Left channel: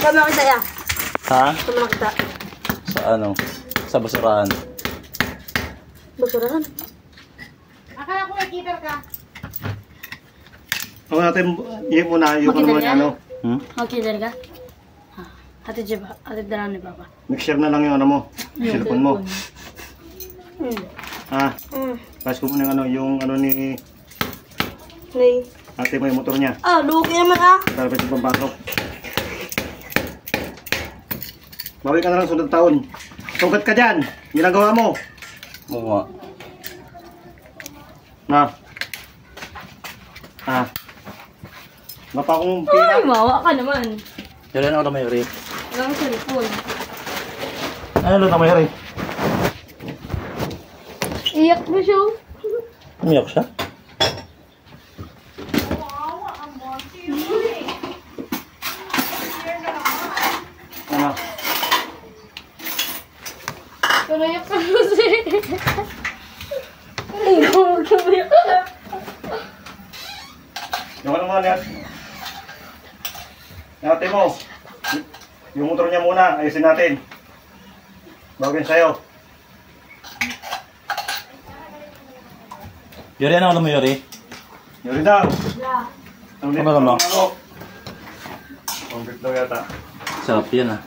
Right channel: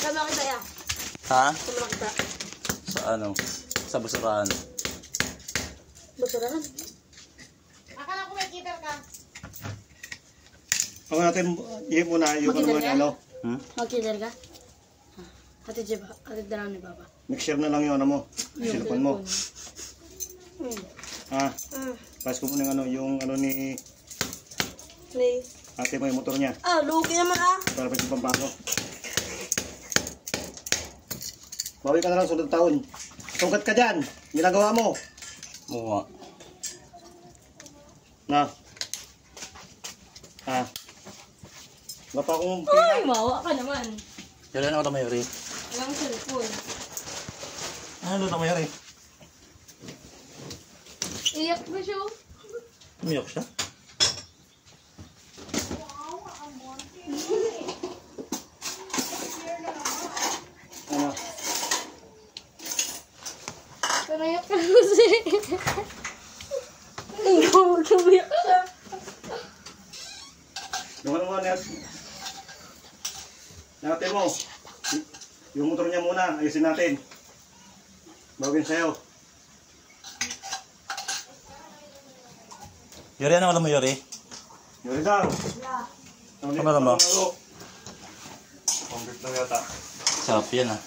Sama kita ya. Ha? Sama kita. Sa ano? Sa basurahan. Basurahan? Akala ko nakikita ka. Ako natin, yung muna, yung ano naman ano. Magkidar ka? Ate Jeba, ate dala ni Papa. Mixture na lang yung ano mo, cellphone mo. Ha? Pas ko muna yung ano, ni Nay. ate mo yung motor niya. Ah, lugi naman ah. Dapat yung pampasok. Bawi ka na lang sunod taon. Sugat ka dyan. Ginagawa mo. Oo nga. Na. Ha? Mapa akong pira. Ay, mawa ka naman. Yan ako na may rin. Walang cellphone. Ano na may rin? Iyak na siya. Umiyak siya? Ano? Tumayak ka kasi. Ikaw, tumayak ka. Yung ano mo, ate mo. Yung motor niya muna, ayusin natin. Bagay sa'yo. Yuri, ano ako na may rin? Yuri daw. Ano naman? Complete daw yata. Sarap yan ah.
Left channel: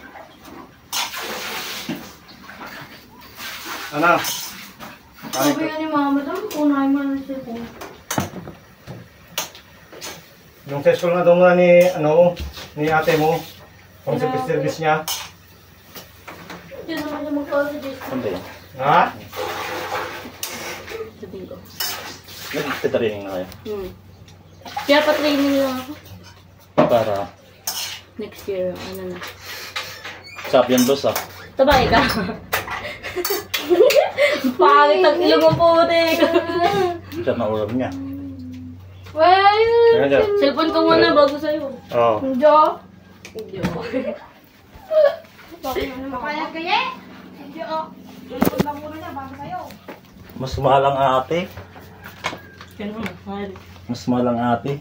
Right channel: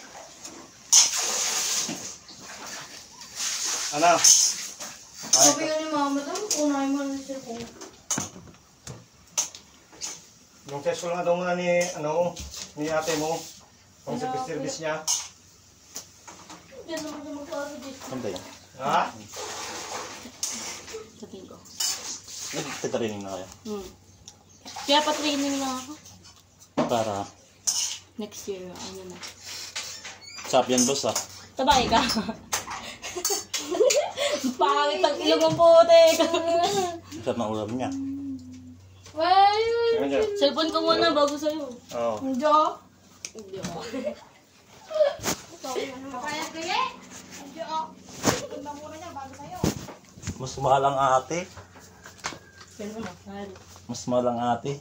Ano? Sabi ka ni Mama daw, kunahin mo na siya. Yung test ko na daw muna ni, ni ate mo. Kung service niya. Diyan naman siya magkawa sa dito. Saan ba yan? Ha? Sa tingko. Nag-training na kayo. Kaya pa-training lang ako. Para Next year, ano na. sarap yan boss ah. Tabay ka. Pangit ang ilong mo puti. Sarap na ulam niya. Kaya dyan. Cellphone ko muna bago sa'yo. Oo. Hindi. Kaya kaya? Hindi oh. Ikaw lang muna niya bago sa'yo. Mas mahal ang ate. Yan naman, mahal. Mas mahal ang ate.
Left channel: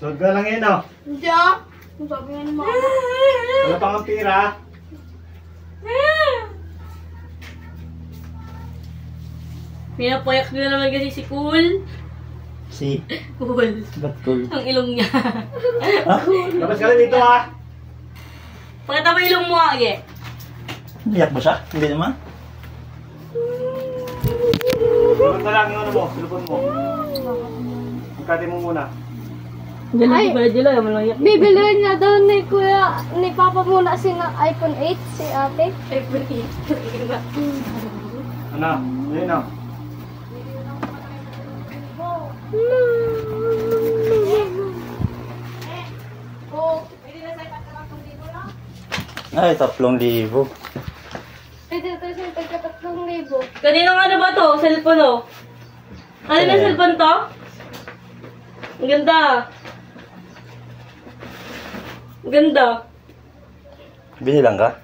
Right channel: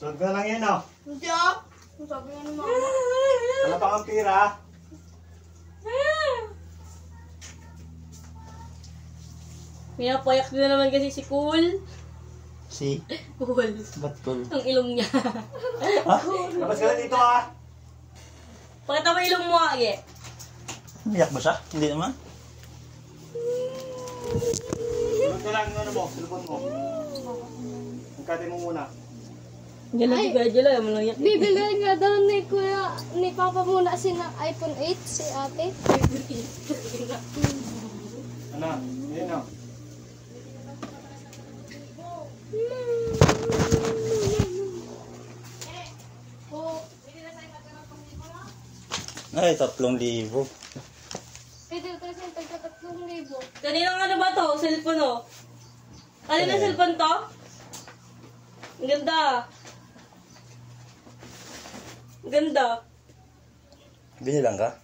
Sunod ka na lang yun, oh. Hindi. Ang sabi nga ni Mama. Wala pang ang pira. Pinapayak nyo na naman kasi si Cool. Si? Cool. Ba't cool? Ang ilong niya. Labas ka lang dito, ha. Pakita mo ilong mo, Age. Biyak ba siya? Hindi naman. Sunod na lang yung ano mo, cellphone mo. Pagkati mo muna. Ay, medyo lang, yung malangyak. Bibilihan niya daw ni Kuya, ni Papa muna si na iPhone 8, si ate. Ano? Ayun, oh. Ay, 3,000. Pwede ito siya tagka 3,000. Kaninong ano ba to? Cellphone oh. Ano na cellphone to? Ang ganda. Ang ganda. Binilang ka?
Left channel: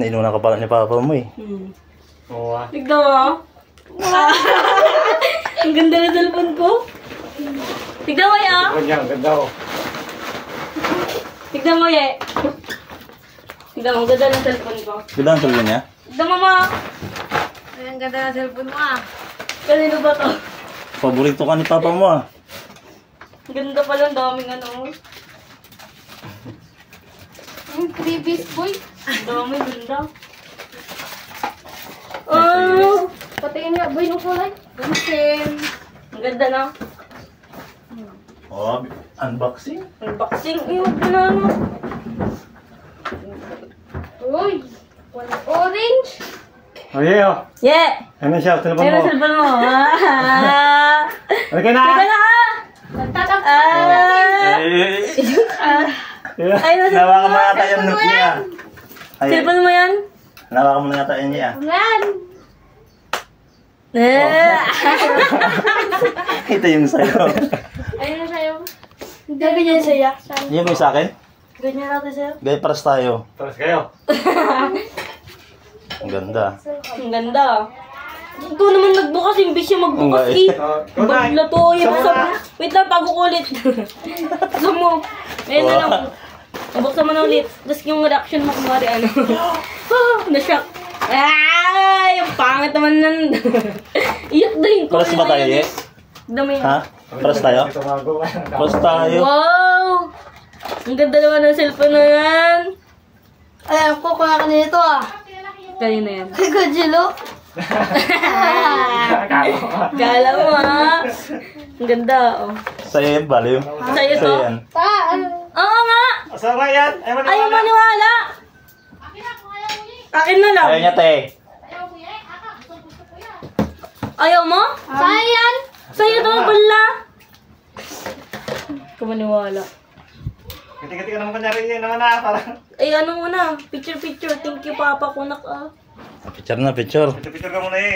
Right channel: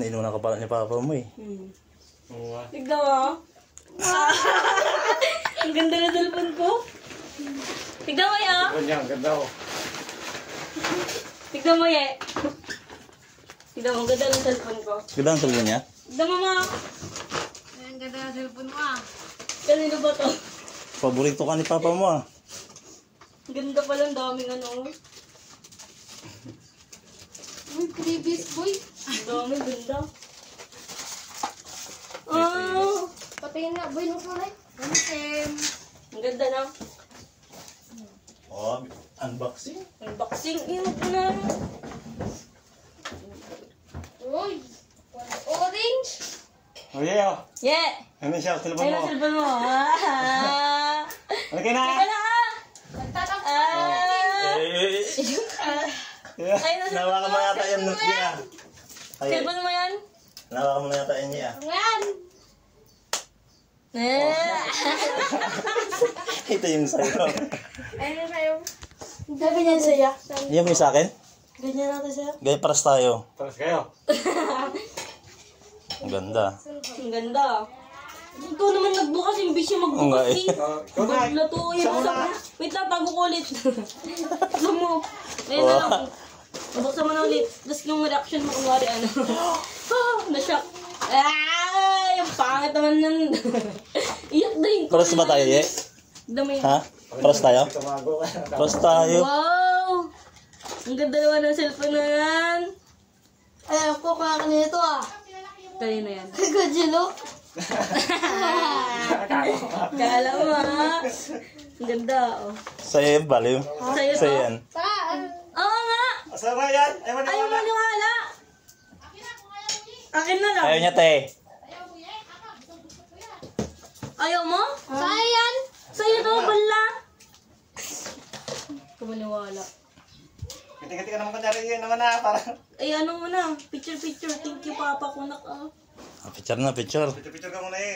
Nainunan ka pala ni Papa mo eh. Oo, ah. Tignan mo. Ang ganda na cellphone ko. Tignan mo ya. Cellphone niya, ang ganda, oh. Tignan mo ya. Tignan mo, ang ganda ng cellphone ko. Ganda ang sabi niya? Tignan mo ma. Ay, ang ganda ng cellphone mo ah. Kanino ba to? Paborito ka ni Papa mo ah. Ang ganda pala, ang daming ano. Yung previous boy. Ang daming ganda. Oh! Patingin nga boy ng kulay. Bunsin. Ang ganda na. Oh, unboxing? Unboxing. Iwan ko na ano. Uy, walang orange. Oh, yeah, oh. Yeah! Ano siya, cellphone Sino mo. cellphone mo? Ah! Okay na! Teka na! Nagtatap. Ay, nasa Nawakan mo yata yung note niya. Ay, cellphone mo yan? nawakan mo yata yun niya. Yan. Ito yung sa'yo. Ayun sa'yo. Sabi niya sa'yo. Yan mo yung sa akin? Ganyan natin sa'yo. Gaya paras tayo. Tapos kayo. Ang ganda. Ang ganda. Ikaw naman nagbukas, imbis siya magbukas eh. Kunay. Bagla to. Sama na. Wait lang, bago ko ulit. Gusto mo. Ngayon na lang. Mabuksan mo na ulit. Tapos yung reaction mo, kumari ano. Na-shock. Ay! Ang pangit naman nun. Iyak din. Paras ba tayo, eh? Dami. Ha? Paras tayo? Paras tayo. Wow! Ang ganda naman ng cellphone na yan. Alam ko kung kanina ito ah. Kanina yan. Kay Godzilla. Kala mo ha. Ang ganda oh. Sa'yo yan, baliw. Sa'yo to? Sa'yo yan. Oo nga. Asama yan. Ayaw maniwala. Akin na lang. Ayaw niya, te. Ayaw mo? Sayan! Sa'yo to, bala. Kumaniwala. Kati-kati ka naman kanyari niya naman na. Parang Ay, ano muna? Picture. Thank you, Papa Kunak ah. Picture na, picture. picture ka muna eh.